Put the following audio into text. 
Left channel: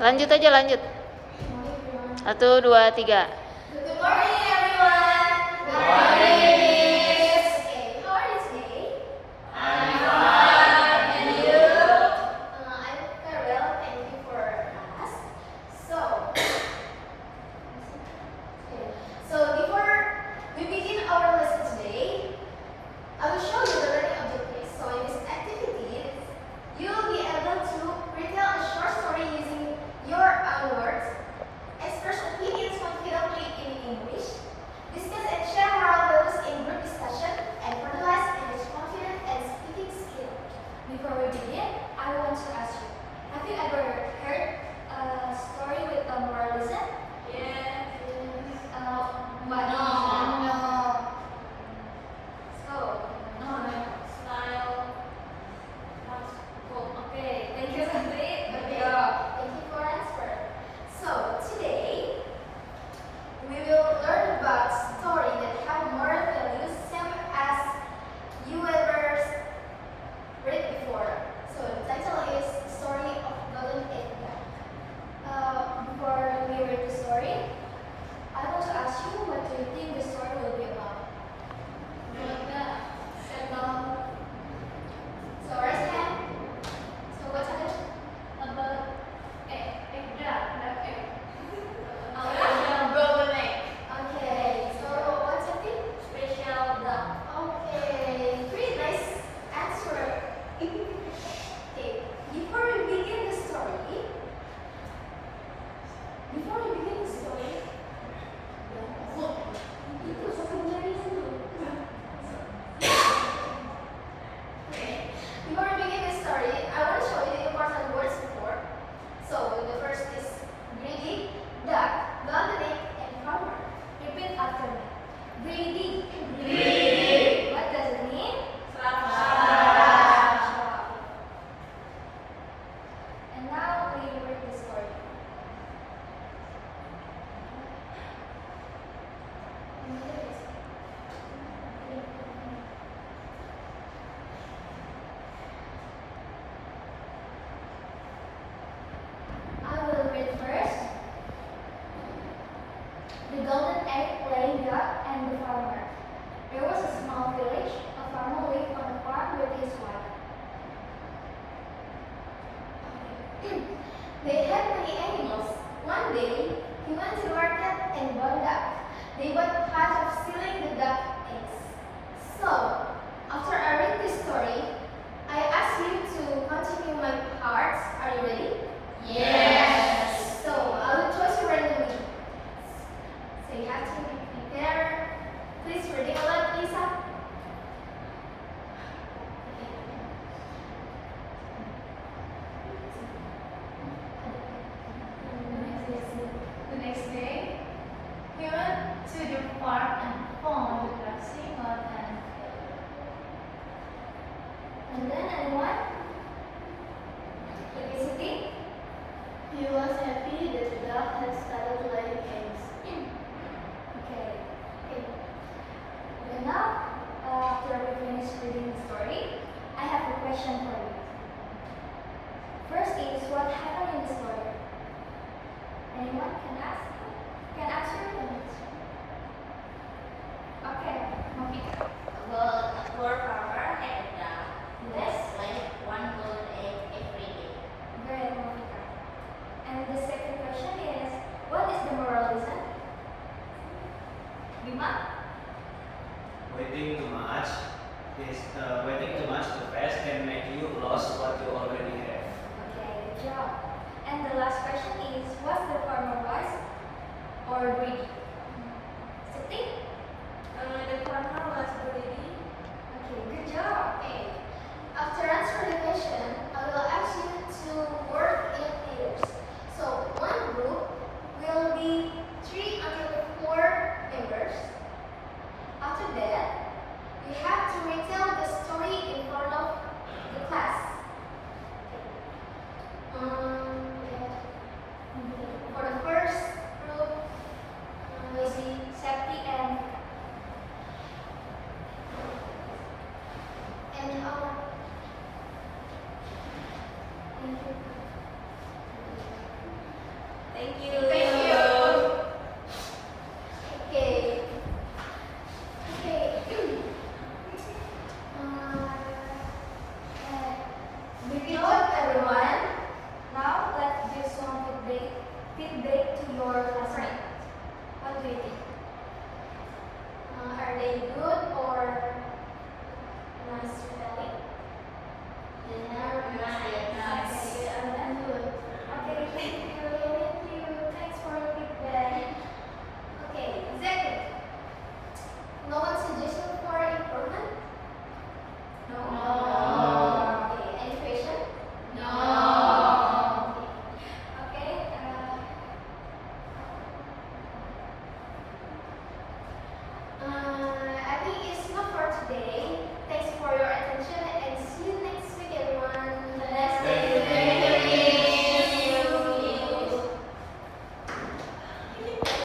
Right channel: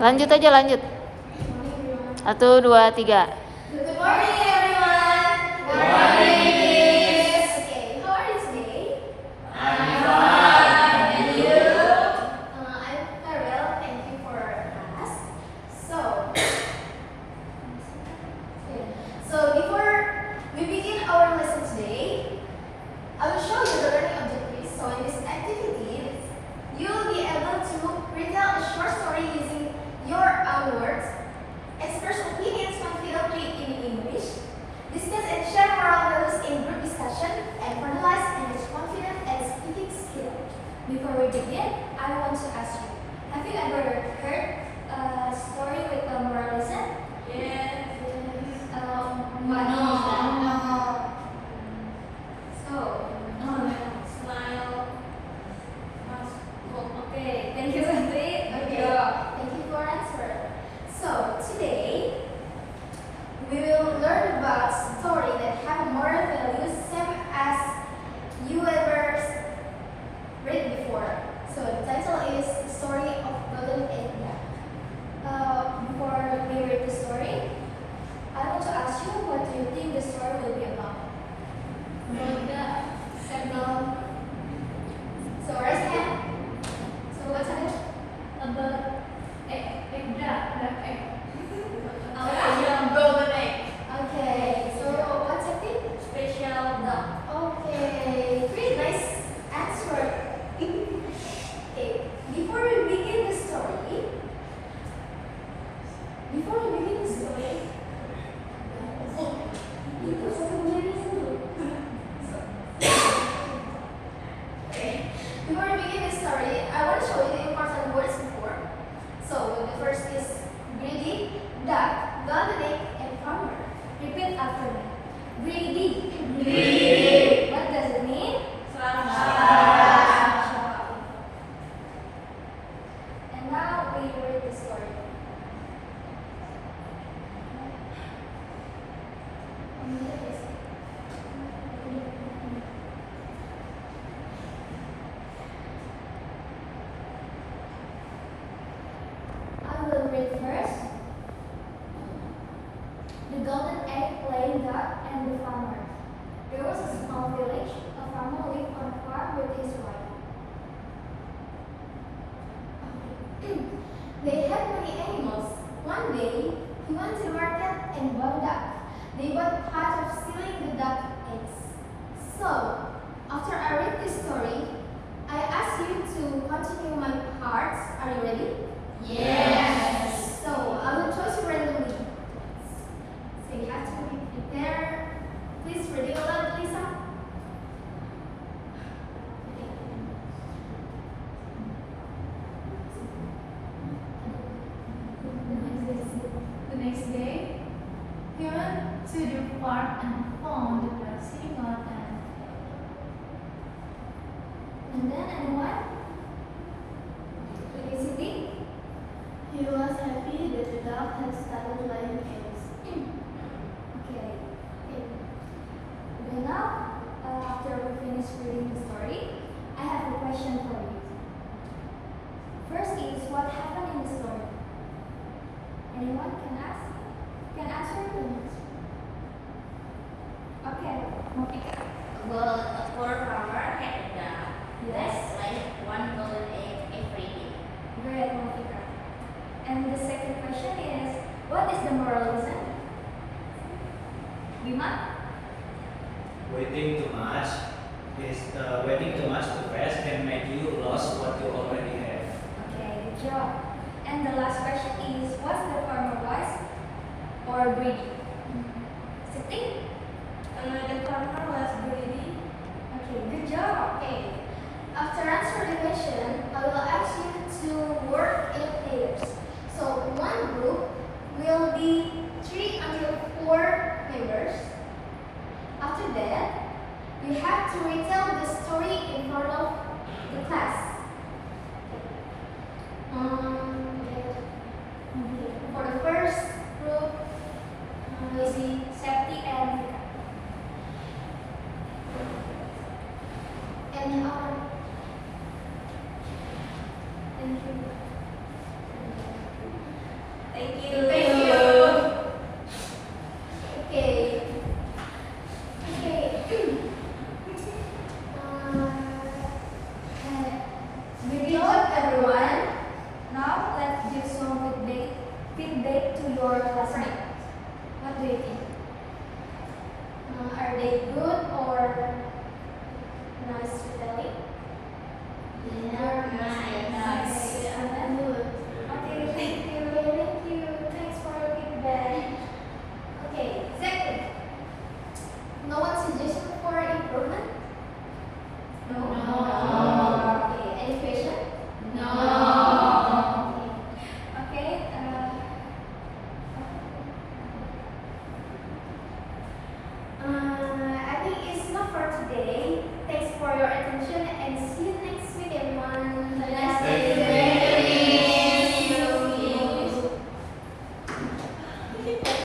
Lanjut aja, lanjut. 1, 2, 3. Good morning, everyone. Good morning, Miss. Okay, how are you today? I'm fine. And you? I'm very well. Thank you for asking. So before we begin our lesson today, I will show you the learning objectives. So in this activity, you will be able to retell a short story using your own words, express opinions confidently in English, discuss and share moral values in group discussion, and analyze and use confidence and speaking skill. Before we begin, I want to ask you, have you ever heard a story with a moral lesson? Yes. No. Smile. Okay, thank you, Sandri. Thank you for answering. So today we will learn about story that have moral values, same as you ever read before. So the title is Story of Golden Egg Duck. Before we read the story, I want to ask you, what do you think the story will be about? So raise hand. So what's it? About egg duck. Golden egg. Okay. So what's the thing? Special duck. Okay. Pretty nice answer. Okay. Before we begin the story. I want to show you the important words before. So the first is greedy, duck, golden egg, and farmer. Repeat after me. Greedy. Greedy. What does it mean? And now we read the story. I will read first. The golden egg-laying duck and the farmer. There was a small village. A farmer lived on a farm with his wife. They had many animals. One day, he went to the market and bought a duck. They both part of stealing the duck eggs. So, after I read this story, I ask you to continue my parts. Are you ready? Yes. So, I will choose you randomly. So you have to be prepared. Please read it aloud, Lisa. The next day, he went to the farm and found the ducks hanging out And then, and what? Felicity? he was happy that the duck had started laying eggs. Okay. Okay, now, after we finish reading the story, I have a question for you. First is, what happened in the story? Anyone can ask? Can answer? Okay. Well, a poor farmer had a duck Yes. that laid one golden egg every day. Great, Monica. And the second question is, what is the moral lesson? Bima? Waiting too much too fast can make you lose what you already have. Okay, good job. And the last question is, was the farmer wise or greedy? Siti? The farmer was greedy. Okay, good job. Okay. After answering the question, I will ask you to work in pairs. So one group will be 3 until 4 members. After that, you have to retell the story in front of the class. For the first group, we see Septi and Vika. And thank you.